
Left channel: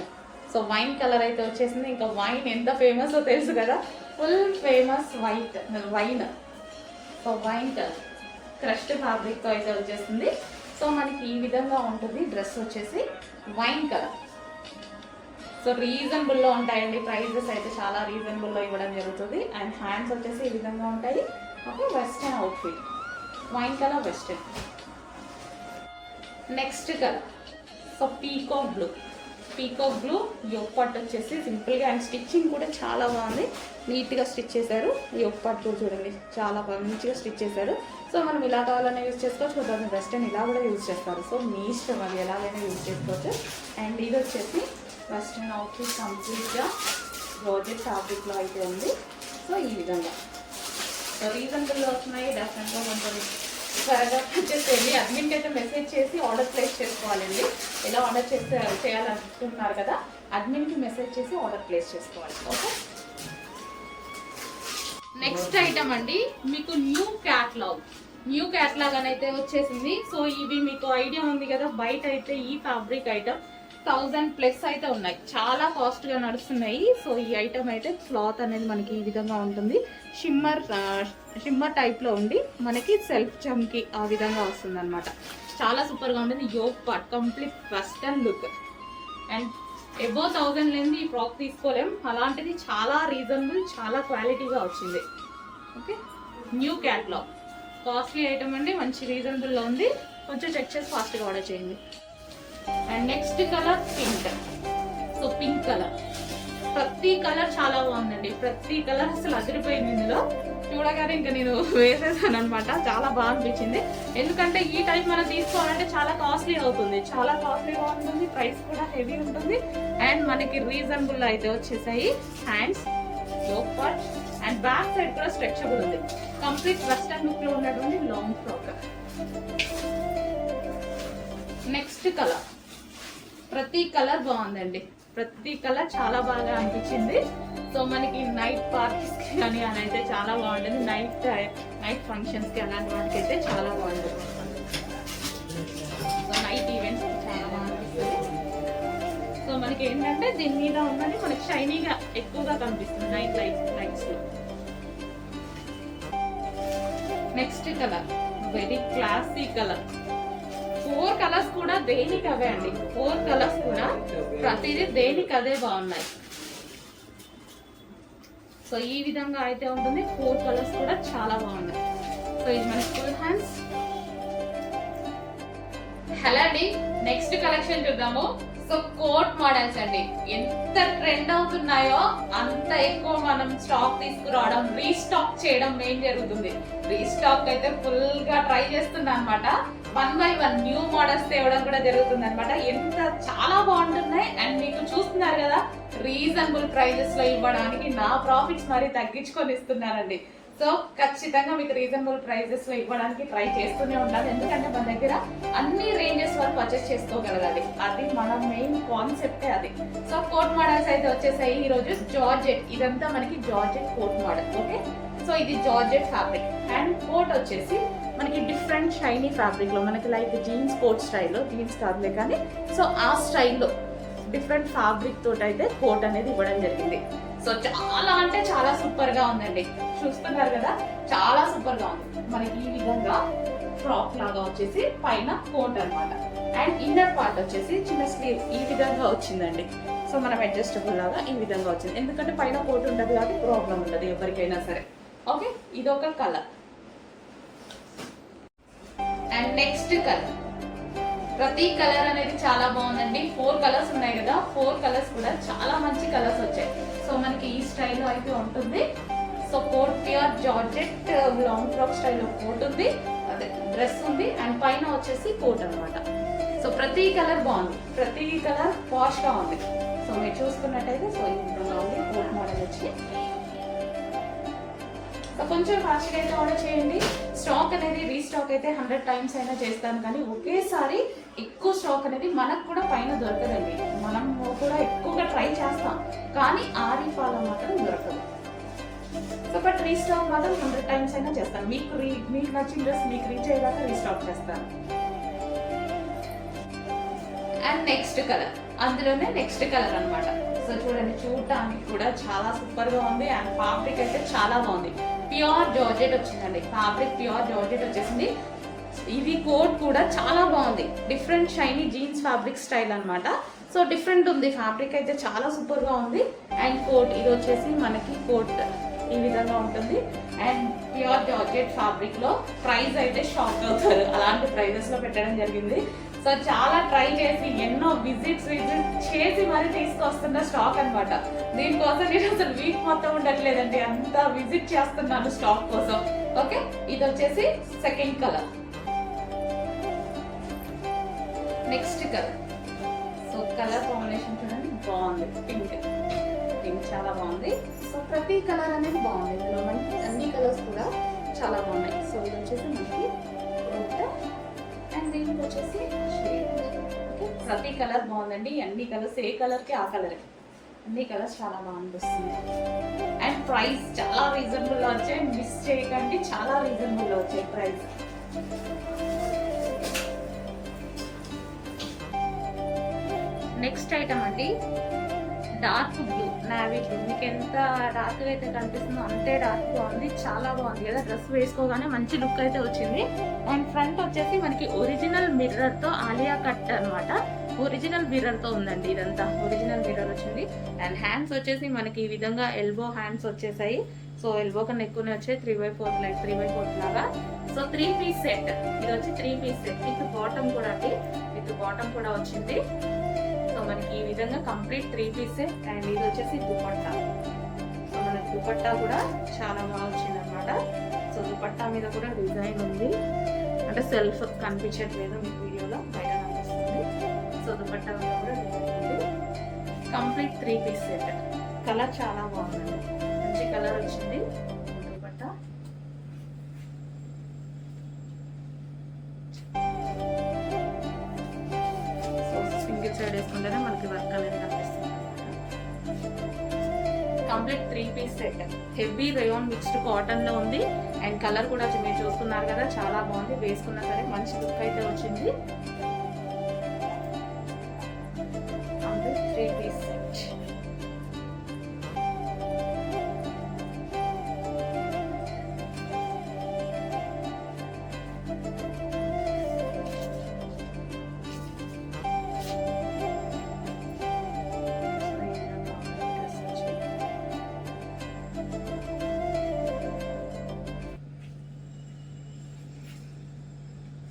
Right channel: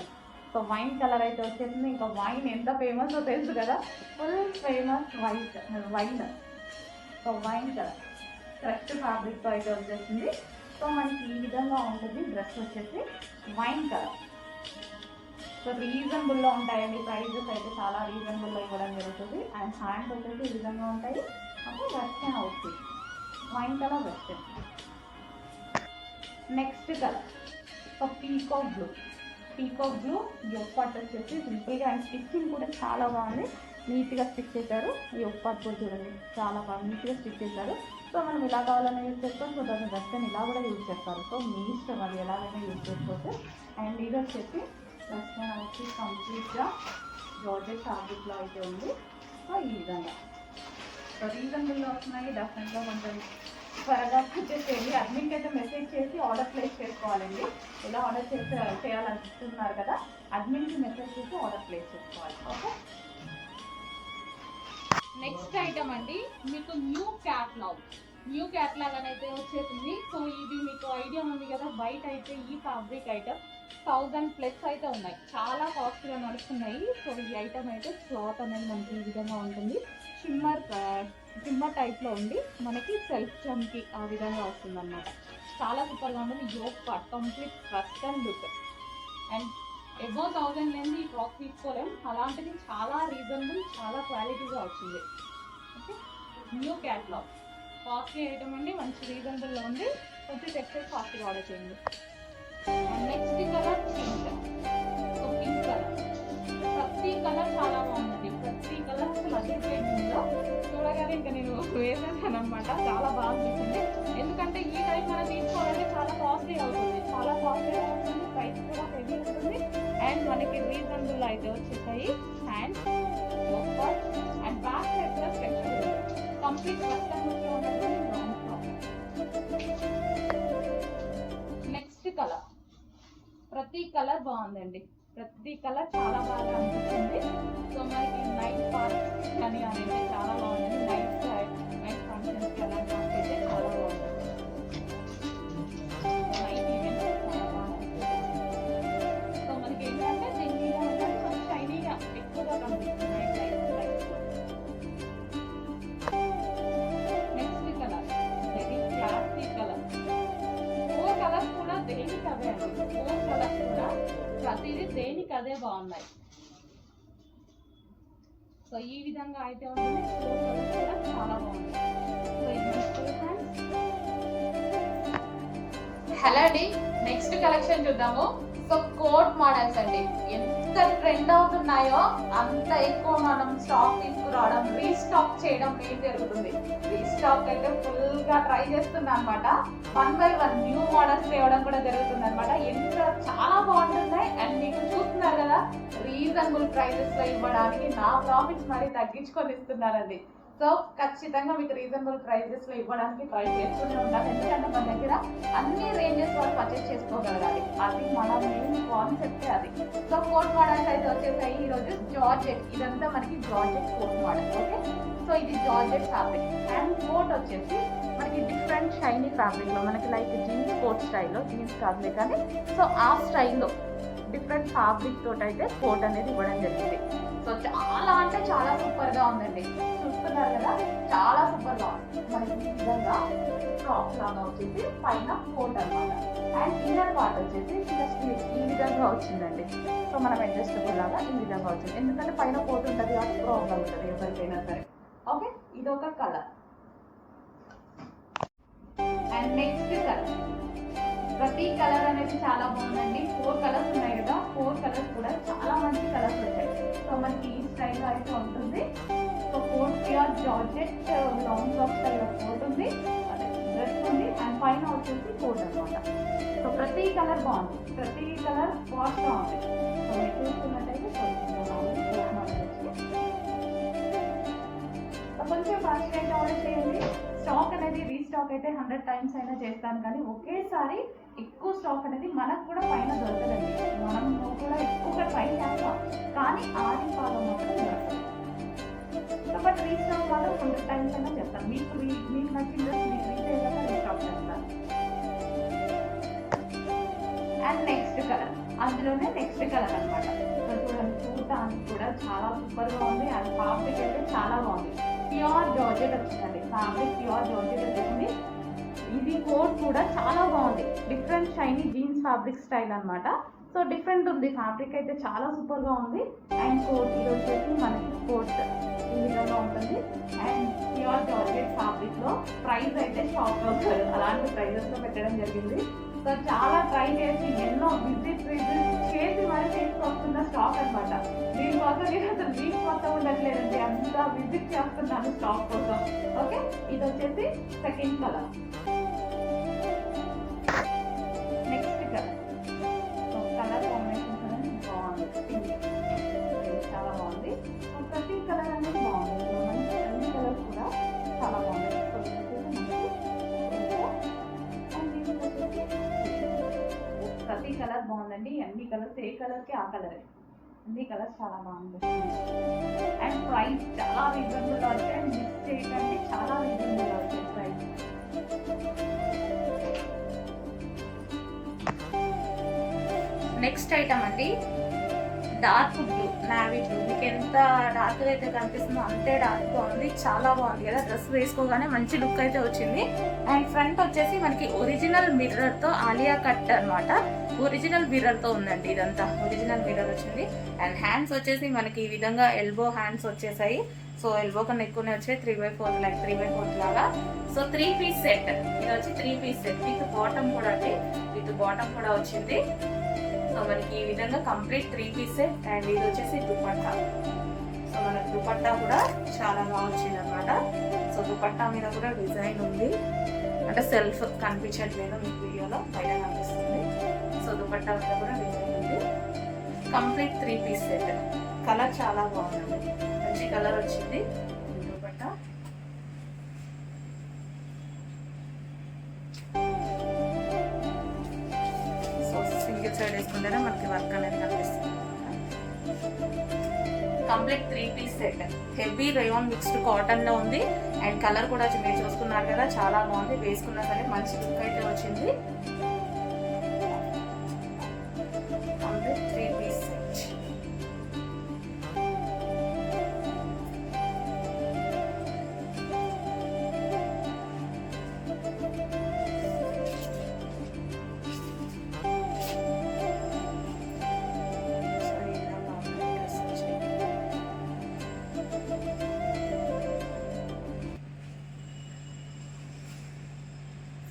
Speaker 1: సో వైన్ కలర్ అయితే వచ్చేసింది. ఇంకా వైన్ ఎంత ఫేమస్ తెలుసు కదా? Full famous white wine so wine colour crushed ఫ్యాబ్రిక్తో అయితే వచ్చేసింది. సో మనకి ఈ విధంగా ఉంటుంది. డ్రెస్ వచ్చేసి వైన్ కలర్ సో రీజనబుల్లో ఉంటాయండి. ప్రైజెస్ అయితే చాలా రీజనబుల్లో ఇవ్వడం జరుగుతుంది. అండ్ హ్యాండ్స్ వచ్చేసి ఈ విధంగా ఉంటాయి. ఒక western outfit wine colour western next colour so peacock blue peacock blue yoke పట్టు వచ్చేసి సింపుల్గా అండ్ స్టిచ్చింగ్ కూడా చాలా బాగుంది. నీట్గా స్టిచ్ చేశారు. యోగ్ పట్టు చూడండి చాలా బాగా మంచిగా స్టిచ్ చేశారు. సో మనం ఇలా కావాలనే యూజ్ చేసుకోవచ్చు. కొంతమంది వెస్టర్న్ ఇలా కూడా యూజ్ చేస్తారు. సో మీ ఇష్టం అది ఎలాగైనా యూజ్ చేసుకోవచ్చు. అండ్ ఇది వచ్చేసి వెస్ట్రన్ అవుట్ఫిట్ కంప్లీట్గా బ్రాడెడ్ ఫ్యాబ్రిక్లో అయితే ఉంది. సో ఈ విధంగా. సో రీజనబుల్లో వచ్చినాయి డెఫినెట్గా కొంచెం త్వరగా వచ్చేసేయండి. అడ్మిన్కి అయితే మెసేజ్ చేసి ఆర్డర్ ప్లేస్ చేసుకోవాలండి. ఎలా ఆర్డర్ చేస్తే చేయాలనుకుంటున్నారు కదా అడ్మిన్కి మెసేజ్ చేసి ఆర్డర్ ప్లేస్ చేసుకోవాలి. ఓకే నెక్స్ట్ ఐటమ్ అండి మీకు న్యూ క్యాట్లాగ్ న్యూ క్యాట్లాగ్ అని అయితే వచ్చేసింది. సో ఇది మీకు ఐడియా ఉంది కదా బయట అయితే ఈ ఫ్యాబ్రిక్ ఐటమ్ థౌజండ్ ప్లస్ అయితే ఉన్నాయి. చాలా కాస్ట్గా నడుస్తున్నాయి. సో ఈ ఐటమ్ అయితే క్లాత్ అనేది మనకి ఈ విధంగా ఉంటుంది. షిమ్మర్ షిమ్మర్ టైప్లో ఉండి మనకి సెల్ఫ్ చమ్కి ఆ విధంగా వస్తుంది అనమాట చాలా సూపర్గా ఉంటుంది. Yoke part complete western look. And above thousand లేని ఈ ఫ్రాక్ తీసుకోలేం. అలాంటిది చాలా రీజనబుల్ చాలా క్వాలిటీగా వచ్చింది. Okay? New catalogue. Costly item అండి. మంచి రీజనబుల్లో ఉంది. కొంచెం చెక్ చేసి ఫాస్ట్గా ఆర్డర్ చేయండి. And next colour pink. So pink colour. ప్రతి కలర్ చాలా బాగుందండి. ప్రతి కలర్ అసలు అదిరిపోయింది ఇందులో. చూడగానే ఇంకా నేను వేసేసాను అనమాట చాలా బాగా అనిపించింది. ఎందుకంటే ఈ టైం మనం తీసుకోవాలంటే చాలా కాస్ట్లీ అవుతుంది. చాలా కాస్ట్లీగా ఉంటుంది. ప్రైస్ కూడా హెవీ ఉంటుంది. అండ్ మనకి రీజనబుల్ అయితే వచ్చేసాయి. Hands part and back side కూడా స్ట్రెచబుల్ ఉంది. కంప్లీట్ వెస్టర్న్ లుక్లో ఉన్నటువంటి లాంగ్ ఫ్రాక్ నెక్స్ట్ కలర్. ప్రతి కలర్ బాగుందండి. ప్రతి కలర్ చాలా బాగా అనిపించింది. సో మనకి నైట్ పార్టీస్ కానీ అని అయితే చాలా బాగుంటుంది. నైట్ నైట్ ఫంక్షన్స్కి అలాంటి వాటికి అయితే చాలా బాగుంటుంది. నైట్ ఈవెంట్స్ చాలా బాగుంటుంది సో మనకి ఏంటంటే దీని మీద ఉన్నది మనకి షైనీగా ఎక్కువగా కనిపిస్తుంది night light lights next colour very classy colour colours కూడా దేనికి అవే అండి? ఫోర్ కలర్స్ కూడా. ప్రతిదీ దేనికి అదే బాగున్నాయి. సో ఈ విధంగా అయితే ఉంటుంది. ఫోర్ కలర్స్ కూడా చాలా బాగున్నాయి. సో ఇది మన ఫుల్ హ్యాండ్స్ హలో అండి. నెక్స్ట్ కలెక్షన్ చూద్దాము. సో కోట్ మోడల్స్ అండి. ఎంత ట్రెండ్ అవుతున్నాయో అంత ఎక్కువ మనం స్టాక్ తీసుకురావడం రీస్టాక్ చేయడం ఏం జరుగుతుంది. రీస్టాక్ అయితే ఫుల్గా ట్రై చేస్తున్నా అనమాట one by one new models తేవడం కూడా జరుగుతుంది అనమాట ఎంత చాలా బాగుంటున్నాయి. అండ్ మీకు చూస్తున్నారు కదా రీజనబుల్ ప్రైజెస్లో ఇవ్వడానికి నా ప్రాఫిట్స్ మరి తగ్గించుకొని ఇస్తున్నానండి సో ఖచ్చితంగా మీకు రీజనబుల్ ప్రైజెస్లో ఇవ్వడానికి ట్రై చేస్తూనే ఉండాలి. ఎందుకంటే మన దగ్గర అన్ని రేంజెస్ వరకు పర్చేస్ చేసుకోగలగాలి. అది మన మెయిన్ కాన్సెప్టే అది. సో కోట్ మోడల్స్ అయితే వచ్చేసాయి. ఈ రోజు జార్జెట్ ఇదంతా మనకి georgette coat model okay so ఇది జార్జెట్ ఫ్యాబ్రిక్ అండ్ కోట్ వచ్చేసి మనకి డిఫరెంట్ షైనీ ఫ్యాబ్రిక్లో మనకి లైక్ జీన్స్ కోట్ స్టైల్లో జీన్స్ కాదులే కానీ సో ఆ స్టైల్లో డిఫరెంట్ ఫ్యాబ్రిక్ తోటి అయితే కోట్ అనేది ఇవ్వడం జరిగింది. సో చాలా అంటే చాలా సూపర్గా ఉందండి. చూస్తున్నారు కదా చాలా సూపర్గా ఉంది. మనకి ఈ విధంగా ఫ్రాక్ లాగా వచ్చేసి పైన కోట్ అనమాట అండ్ ఇన్నర్ పార్ట్ వచ్చేసి చిన్న స్లీవ్ ఈ విధంగా వచ్చిందండి. సో మనం అడ్జస్టబుల్ లాగా ఈ విధంగా వచ్చింది. ఎందుకంటే పైన కోట్ ఉంటుంది కాబట్టి ప్రాబ్లం ఉంటుంది ఎవరికైనా సరే. ఓకే ఇది ఒక కలర్ అండ్ నెక్స్ట్ కలర్ ప్రతి కలర్ అనేది చాలా బాగుందండి. ఫోర్ కలర్స్ ఉన్నాయి కదా. ఫోర్ కలర్స్ కూడా చాలా మంచి కలర్స్ వచ్చాయి. సో మనకి ఈ స్టైల్లో అయితే ఉంటుంది. So coat pure georgette long frock స్టైల్లో కోట్ ఉంది. అదే డ్రెస్ ఉంది. అండ్ పైన వచ్చేసి కోట్ అన్నమాట. సో ప్రతి కలర్ బాగుంది. ప్రతి కలర్ వాష్ ఉంది. సో మీరు చూసుకున్నట్టయితే సో ఇప్పుడు బాగుంది కోట్ మోడల్ వచ్చి కొంచెం ఫాస్ట్ అయితే ఆర్డర్ చేయండి. స్టాక్ అనేది రీస్టాక్ అయితే హండ్రెడ్ టైమ్స్ అయినా చేస్తాను కానీ ఒకేసారి ఎక్కువ స్టాక్ అనేది మనకు కూడా పైన దొరకదండి. మనం కూడా ఎక్కువగా ట్రై చేస్తాం కానీ ఆది ఫాలో మాత్రం దొరకదు సో బట్ రీస్టాక్ మాత్రం హండ్రెడ్ టైమ్స్ అయినా చేస్తాను. మీకు రీ మీకు నచ్చిన డ్రెస్ మీకు రీచ్ అయ్యాక రీస్టాక్ చేస్తాను. అండ్ నెక్స్ట్ కలర్ అందులోనే నెక్స్ట్ కలర్ అనమాట సో చూడండి చూడటానికి కూడా చాలా సూపర్గా ఉంది. అండ్ ఫ్యాబ్రిక్ అయితే చాలా బాగుంది. ప్యూర్ జార్జెట్ వచ్చిందండి. ఫ్యాబ్రిక్ ప్యూర్ జార్జెట్ వచ్చేసింది. ఇది కోట్ కూడా చాలా బాగుంది. Different shiny jeans fabric style అనమాట సో డిఫరెంట్ ఉంది. ఫ్యాబ్రిక్ అయితే చాలా సూపర్గా ఉంది. అండ్ కోట్ ఇది వచ్చేసి మనకి కోట్ ఈ విధంగా ఉంటుంది. అండ్ ప్యూర్ జార్జెట్ ఫ్యాబ్రిక్లో ప్రైస్ అయితే షాక్ అవుతారు. అలాంటి ప్రైజెస్లో పెట్టడం జరిగింది. సో చాలా ట్రై చేసి ఎన్నో విజిట్స్ విజిట్ చేసి మరి తీసుకొస్తున్న స్టాక్ అన్నమాట. దీనికోసం నేను అసలు వీక్ మొత్తం ఉండట్లేదండి. అంత విజిట్ చేస్తున్నాను స్టాక్ కోసం. ఓకే ఇది వచ్చేసి second colour next colour so colour combination చూడండి. బాగుంది. పింక్ పింక్ చాలా బాగుంది. సో ప్రతి కలర్ అనేది బాగుంది. ఇందులో మనకి అన్ని కలర్స్ కూడా చాలా బాగున్నాయి. ప్రతి కలర్ బాగుందండి. అన్ని కలర్స్ ఏ కలర్కి ఆ కలర్ అన్ని కలర్స్ చాలా బాగుంటుంది అండ్ ప్రైస్ చాలా రీజనబుల్గా వచ్చాయి. మిస్ చేయకండి చాలా రీజనబుల్గా వచ్చాయి ప్రైస్ నెక్స్ట్ ఐటమ్ అండి. డార్క్ బ్లూ నావీ బ్లూ మీకు ఎంత డార్క్గా అయితే కనిపిస్తుందో అంతే డార్క్ ఉంది చాలా బాగుంది కదా. డ్రెస్ వేసుకోగానే మంచి లుక్ అయితే వచ్చింది. అండ్ ఫ్రంట్ వచ్చేసి మనకి ఒరిజినల్ మిర్రర్తో ఆలియా కట్ అన్నమాట. ఒరిజినల్ మిర్రర్తో ఉందండి ఇదంతా. ఒరిజినల్ మిర్రర్ వచ్చింది. అండ్ హ్యాండ్స్ వచ్చేసి మనకి ఈ విధంగా ఎల్బో హ్యాండ్స్ వచ్చేసాయి. సో ఎల్బో కన్నా ఎక్కువనే వచ్చాయి. Three by four like three by four లాగా. So three piece set. ఇది వచ్చి three piece set. With bottom కూడా అండి. విత్ బాటమ్ కూడా వచ్చింది. సో మనకి ఈ విధంగా complete three piece set. And ఇది వచ్చేసి దుపట్టా. సో మనకి దుపట్టా కూడా చాలా బాగా వచ్చింది అనమాట సో దుపట్టా మీద కూడా డిజైన్ ఉంది. అంటే సెల్ఫ్ కనిపించట్లేదు మీకు వీడియోలో. బయట సో దుపట్టా కూడా design complete three piece set colour చాలా బాగుంది. మంచి కలర్ వచ్చింది. దుపట్టా సో సింగిల్ సైడ్ వేసుకుంటేనే మనకి వర్క్ అనేది కనిపిస్తుంది. Complete three piece set heavy rayon mixed కాటన్లో ఉంది. అండ్ కలర్ కూడా మీరు చూస్తున్నారు కదా చాలా బాగుంది. వేసుకున్నా సరే మంచి లుక్ అయితే వచ్చింది.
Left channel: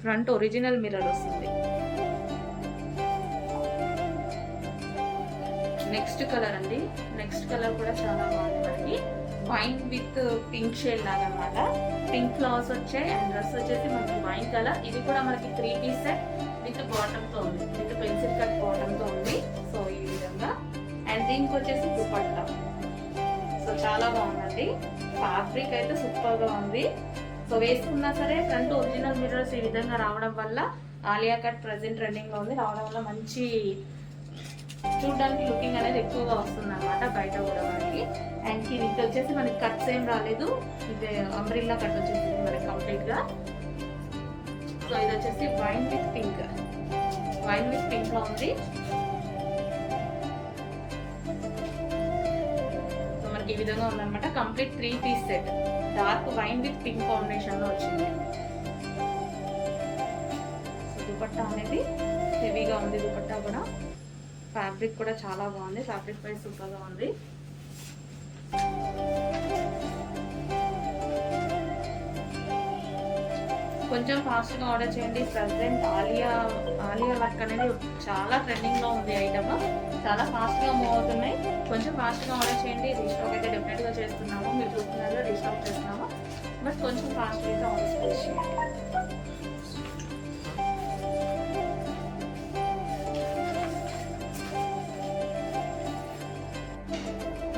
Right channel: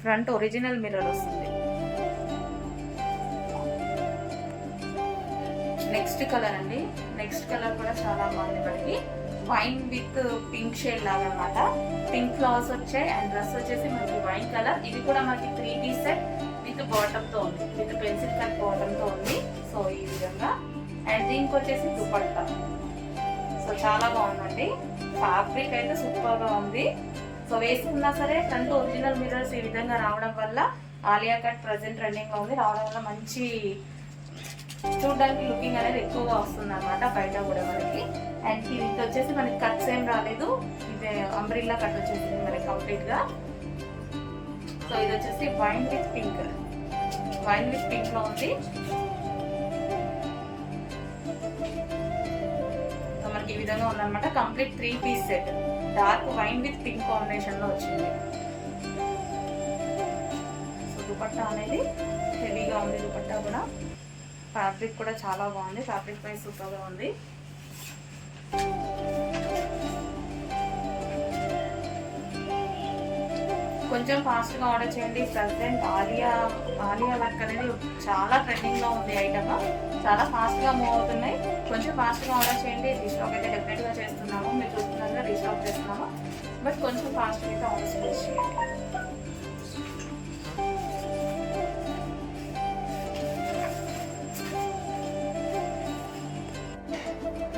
Speaker 1: ఫ్రంట్ ఒరిజినల్ మిర్రర్ వస్తుంది. నెక్స్ట్ కలర్ అండి. నెక్స్ట్ కలర్ కూడా చాలా బాగుంటుంది వైన్ విత్ పింక్ షేడ్ లాగా అనమాట పింక్ ఫ్లవర్స్ వచ్చాయి అండ్ డ్రెస్ వచ్చేసి మనకి వైన్ కలర్ ఇది కూడా మనకి త్రీ పీస్ సెట్ విత్ బాటమ్తో ఉంది. విత్ పెన్సిల్ కట్ బాటమ్తో ఉంది. సో ఈ విధంగా. అండ్ దీనికి వచ్చేసి దుపట్టా. సో చాలా బాగుందండి. ఫ్యాబ్రిక్ అయితే సూపర్గా ఉంది. సో వేసుకున్నా సరే ఫ్రంట్ ఒరిజినల్ మిర్రర్స్ ఈ విధంగా రావడం వల్ల ఆలియా కట్ ప్రజెంట్ రన్నింగ్లో ఉంది. రావడం వల్ల మంచి చూడడానికి లుకింగ్ అనేది ఎక్కువగా వస్తుంది అనమాట బయట కూడా మనకి. అండ్ దీనికి వచ్చేసి మనకి కట్స్ ఏం రాలేదు. ఇది అంబ్రిల్లా కట్ వచ్చేసింది మనకి కంప్లీట్గా సో ఇది వచ్చేసి wine with pink. Wine with పింక్లో ఉంది. సో మనకి ఈ విధంగా ఉందన్నమాట. Complete three piece set. Dark wine with pink కాంబినేషన్లో వచ్చింది. సో దుపట్టా అనేది హెవీగా ఉంది. దుపట్టా కూడా. ఫ్యాబ్రిక్ కూడా చాలా బాగుంది. ఫ్యాబ్రిక్ పై సూపర్గా ఉంది. కొంచెం ఫాస్ట్గా ఆర్డర్ చేయండి. ప్రజెంట్ ఆలియా ఆలియా వర్క్ అనేది చాలా ట్రెండింగ్లో ఉంది ఐటమ్. చాలా ఫాస్ట్గా మూవ్ అవుతున్నాయి. కొంచెం ఫాస్ట్గా ఆర్డర్ చేయండి. రీస్టాక్ అయితే డెఫినెట్గా చేస్తున్నాము. మీరు చూస్తున్నారు రీస్టాక్ చేస్తున్నాము. బట్ కొంచెం ఫాస్ట్ అయితే ఆర్డర్ చేయండి.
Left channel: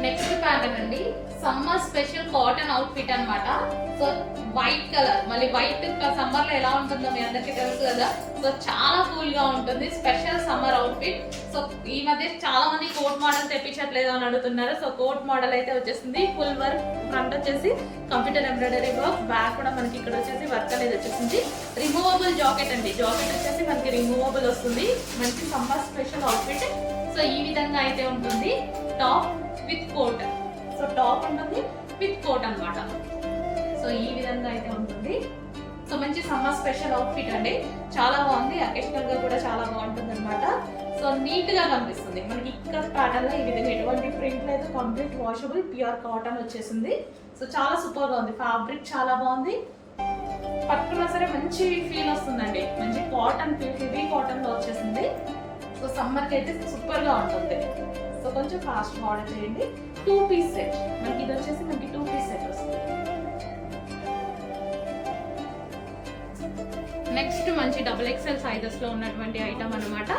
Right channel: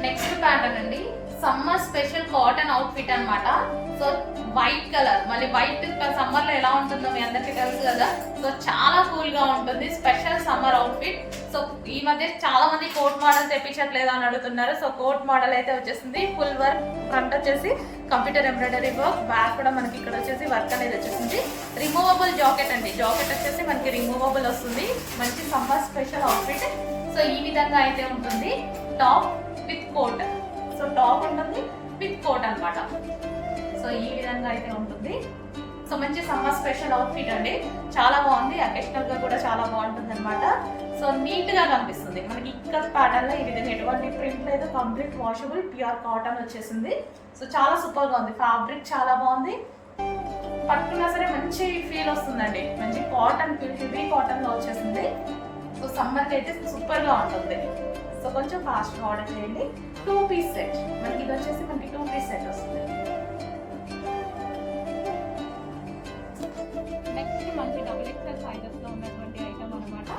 Speaker 1: నెక్స్ట్ ప్యాటర్న్ అండి. సమ్మర్ స్పెషల్ కాటన్ అవుట్ఫిట్ అనమాట సో వైట్ కలర్ మళ్ళీ వైట్ సమ్మర్లో ఎలా ఉంటుందో మీ అందరికీ తెలుసు కదా. సో చాలా కూల్గా ఉంటుంది. స్పెషల్ సమ్మర్ అవుట్ఫిట్ సో ఈ మధ్య చాలా మంది కోట్ మోడల్ తెప్పించట్లేదు అని అడుగుతున్నారు. సో కోట్ మోడల్ అయితే వచ్చేసింది. ఫుల్ వర్క్ ఫ్రంట్ వచ్చేసి కంప్యూటర్ ఎంబ్రాయిడరీ వర్క్ బ్యాక్ కూడా మనకి ఇక్కడ వచ్చేసి వర్క్ అనేది వచ్చేసింది. రిమూవబుల్ జాకెట్ అండి. జాకెట్ వచ్చేసి మనకి రిమూవబుల్ వస్తుంది. మంచి సమ్మర్ స్పెషల్ అవుట్ఫిట్ సో ఈ విధంగా అయితే ఉంటుంది. Top with coat so top ఉంటుంది విత్ కోట్ అన్నమాట. సో ఈ విధంగా అయితే ఉంటుంది. సో మంచి సమ్మర్ స్పెషల్ అవుట్ఫిట్ అండి. చాలా బాగుంది. అకేషనల్గా కూడా చాలా బాగుంటుంది అనమాట సో నీట్గా కనిపిస్తుంది. మనకి ఇక్కడ ప్యాటర్న్లో ఈ విధంగా ఎటువంటి ప్రింట్ లేదు. కంప్లీట్ వాషబుల్ ప్యూర్ కాటన్ వచ్చేసింది. సో చాలా సూపర్గా ఉంది. ఫ్యాబ్రిక్ చాలా బాగుంది. పట్టుకున్నా సరే మంచి ఫీల్ వస్తుందండి. మంచి కాటన్ ఫీల్ హెవీ కాటన్లో వచ్చేసింది. సో సమ్మర్కి అయితే సూపర్గా ఉంటుంది. సో కొంచెం ఫాస్ట్గా ఆర్డర్ చేయండి. టూ పీస్ సెట్ మనకి ఇది వచ్చేసి మనకి టూ పీస్ సెట్ వస్తుంది. ఎక్సెల్ సైజెస్లో ఉన్నటువంటి ఐటమ్ అన్నమాట.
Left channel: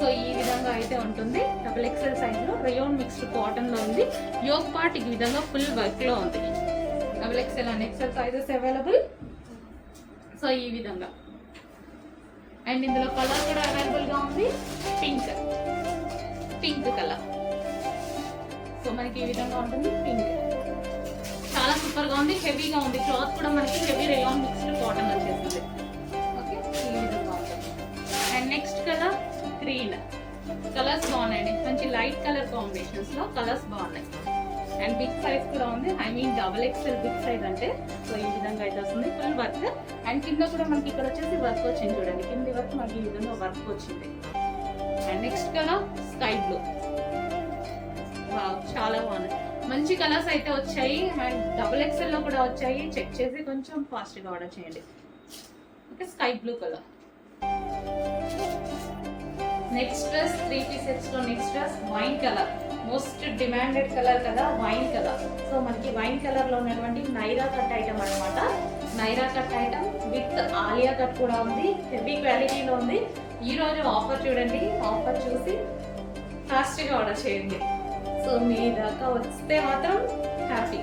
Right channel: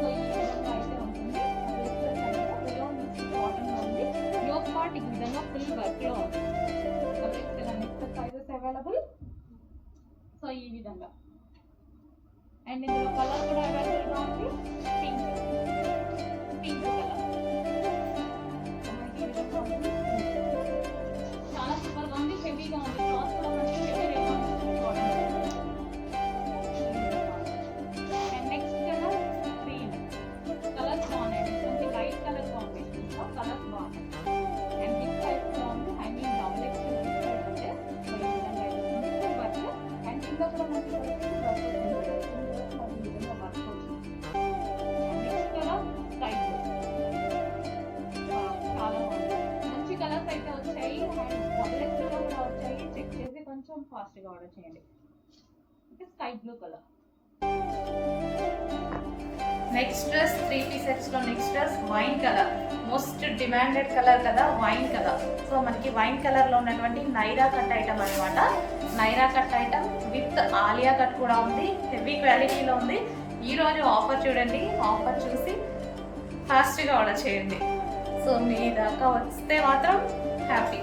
Speaker 1: సో ఈ విధంగా అయితే ఉంటుంది. డబుల్ ఎక్సెల్ సైజ్లో రేయోన్ మిక్స్డ్ కాటన్లో ఉంది. యోగ్ పార్ట్ ఈ విధంగా ఫుల్ వర్క్లో ఉంది. Double XL and XL sizes available so ఈ విధంగా. అండ్ ఇందులో కలర్ కూడా అవైలబుల్గా ఉంది. పింక్ పింక్ కలర్ సో మనకి ఈ విధంగా ఉంటుంది. పింక్ చాలా సూపర్గా ఉంది. హెవీగా ఉంది. క్లాత్ కూడా మనకి హెవీ రేయాన్ కాంబినేషన్స్లో కలర్స్ బాగున్నాయి. అండ్ బిగ్ సైజ్ కూడా ఉంది. I mean double XL big size అంటే సో ఈ విధంగా అయితే వస్తుంది. ఫుల్ వర్క్ అండ్ కింద కూడా మనకి ఇక్కడ వచ్చేసి వర్క్ వచ్చింది చూడండి. కింద వర్క్ మనకి ఈ విధంగా వర్క్ వచ్చింది. And next colour sky blue చాలా బాగుంది. మంచి కలర్స్ అయితే వచ్చాయి. అండ్ డబుల్ ఎక్స్ఎల్లో కూడా వచ్చాయి. చెక్ చేసి కొంచెం కొంచెం ఫాస్ట్గా ఆర్డర్ చేయండి. Okay sky blue colour next dress three పీసెస్లో next dress wine colour most demanded colour కదా వైన్ కలర్ సో మనకి వైన్ కలర్లో ఉన్నటువంటి నైరా కట్ ఐటమ్ అనమాట Naira cut item with Alia cut కూడా ఉంది హెవీ క్వాలిటీలో ఉంది. ఈ రోజు ఆఫర్ చూడండి ఆఫర్ చూసి ఫాస్ట్గా ఆర్డర్ చేయండి. సో మీ దాకా వస్తే మాత్రం హ్యాపీ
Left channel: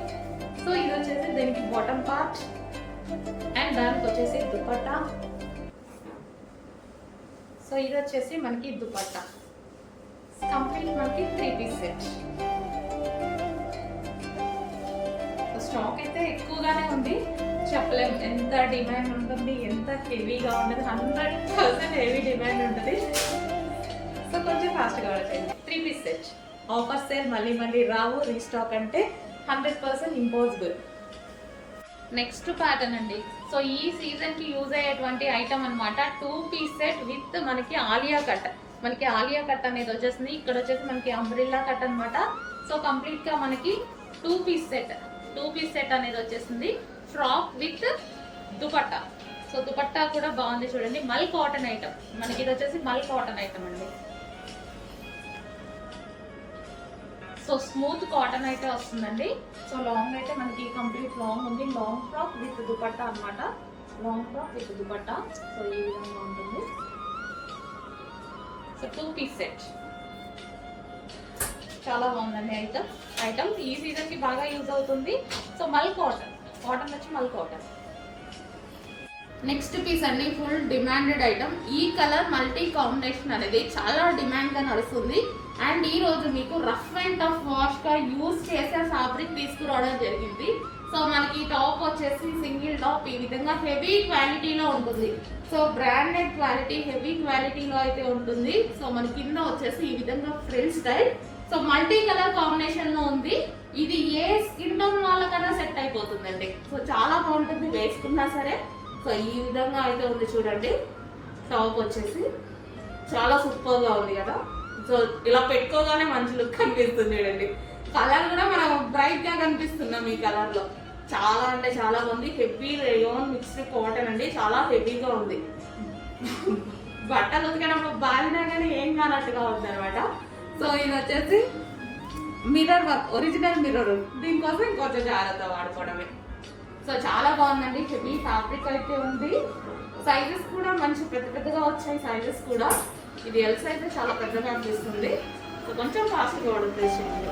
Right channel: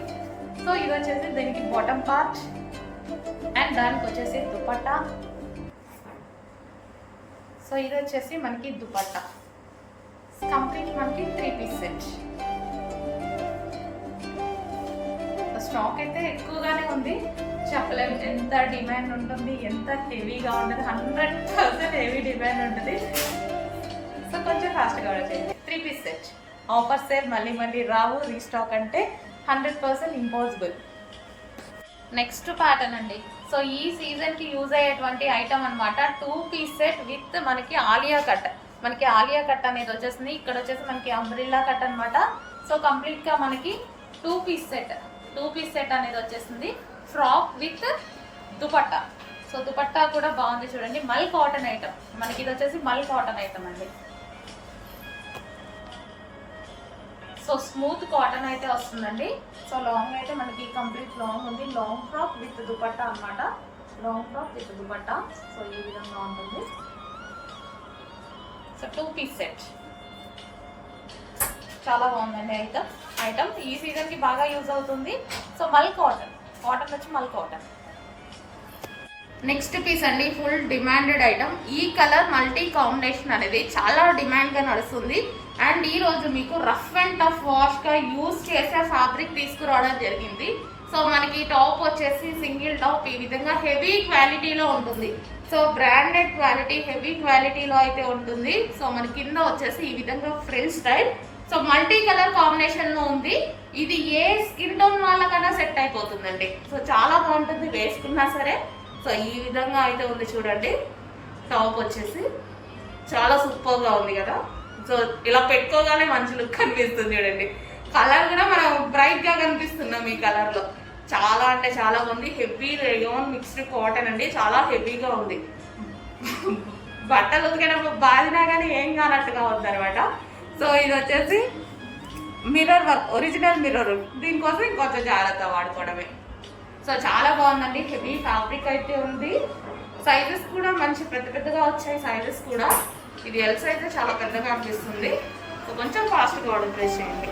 Speaker 1: సో ఇది వచ్చేసి దీనికి బాటమ్ పార్ట్ అండ్ దానికి వచ్చేసి దుపట్టా. సో ఇది వచ్చేసి మనకి దుపట్టా. కంప్లీట్ మనకి త్రీ పీస్ సెట్ స్టాక్ అయితే ఎక్కువగానే ఉంది. చెప్పలేం ఎంత డిమాండ్ ఉంటుంది ఎంత హెవీగా ఉంటుంది హండ్రెడ్ పర్సెంట్ హెవీ డిమాండ్ ఉంటుంది. సో కొంచెం ఫాస్ట్గా చేయండి. Three piece set offer sale మళ్ళీ మళ్ళీ రావు. రీస్టాక్ అంటే hundred percent impossible next pattern అండి. సో ఈ సీజన్కి యూజ్ అయ్యేటువంటి ఐటమ్ అనమాట టూ పీస్ సెట్ విత్ మనకి ఆలియా కట్. మనకి ఆలియా కట్ అనేది వచ్చేసింది. ఇక్కడ వచ్చేసి మనకి అంబ్రిల్లా కట్ అనమాట సో కంప్లీట్గా మనకి two piece set two piece set అనేది వచ్చేసింది. Frock with dupatta so dupatta కూడా బాగుంది చూడండి. మల్ కాటన్ ఐటమ్ మనకి ఇది వచ్చేసి మల్ కాటన్ ఐటమ్ అండి. సో స్మూత్ కాటన్ అయితే వస్తుందండి. సో లాంగ్ అయితే మనకి కంప్లీట్ లాంగ్ ఉంది. లాంగ్ ఫ్రాక్ విత్ దుపట్టా అన్నమాట. Long frock with dupatta. So ఈ విధంగా ఉంటుంది. So two piece set. చాలా బాగుందండి ఐటమ్. ఐటమ్ ఈ సీజన్కి బాగా యూజ్ అవుతుంది. సో మల్ కాటన్. కాటన్ వచ్చి మల్ కాటన్. నెక్స్ట్ పీస్ అండి ఫుల్ డిమాండెడ్ ఐటమ్ ఈ కలర్ మల్టీ కాంబినేషన్ అనేది చాలా డిమాండ్గా నడుస్తుంది. అండ్ ఈరోజు మీకు రఫ్ అండ్ టఫ్ వాష్గా యూజ్ చేసే ఫ్యాబ్రిక్ తీసుకురావడం జరిగింది. సో మనకి టాప్ వచ్చేసి సింగిల్ టాప్ ఈ విధంగా హెవీ క్వాలిటీలో ఉంటుంది. సో బ్రాండెడ్ క్వాలిటీ హెవీ క్వాలిటీలో అయితే ఉంటుంది. సో మన కింద వచ్చేసి ఈ విధంగా frill type so multi colour కాంబినేషన్లో ఉంది. ఇది ఏ స్కిన్ టోన్ వాళ్ళకన్నా సెట్ అయిపోతుందండి. సో చాలా బాగుంటుంది వేసుకున్నా సరే. సో ఈ విధంగా అయితే ఉంది చూడండి. టాప్ వచ్చేసి చాలా సూపర్గా ఉంది కదా. సో ఇలా పెట్టుకోగానే మంచి లుక్ కనిపిస్తుంది చూడండి. కలర్ కూడా మనం బ్రైట్గా కనిపిస్తున్నాం ఈ కలర్లో. చాలా అంటే చాలా బాగుంది హెవీ రేయోన్ మిక్స్డ్ కాటన్ అండి. చాలా హెవీగా ఉంది. బట్టలు ఉతికినప్పుడు బాధినా కానీ ఏం కానట్టుగా ఉంది అనమాట సో ఇది వచ్చేసి మిర్రర్ వర్క్ ఒరిజినల్ మిర్రర్ దీనికోసం ఇంకొంచెం జాగ్రత్త వాడుకోవడమే. సో చాలా బాగుందండి. హెవీ ఫ్యాబ్రిక్ అయితే ఉంది. సైజెస్ కూడా మంచి పెద్ద పెద్దగా వచ్చాయి సైజెస్ కూడా. ఇది ఎల్ సైజ్ చాలా పెద్దగా అనిపిస్తుంది. సో కొంచెం ఫాస్ట్గా ఆర్డర్ చేసేయండి.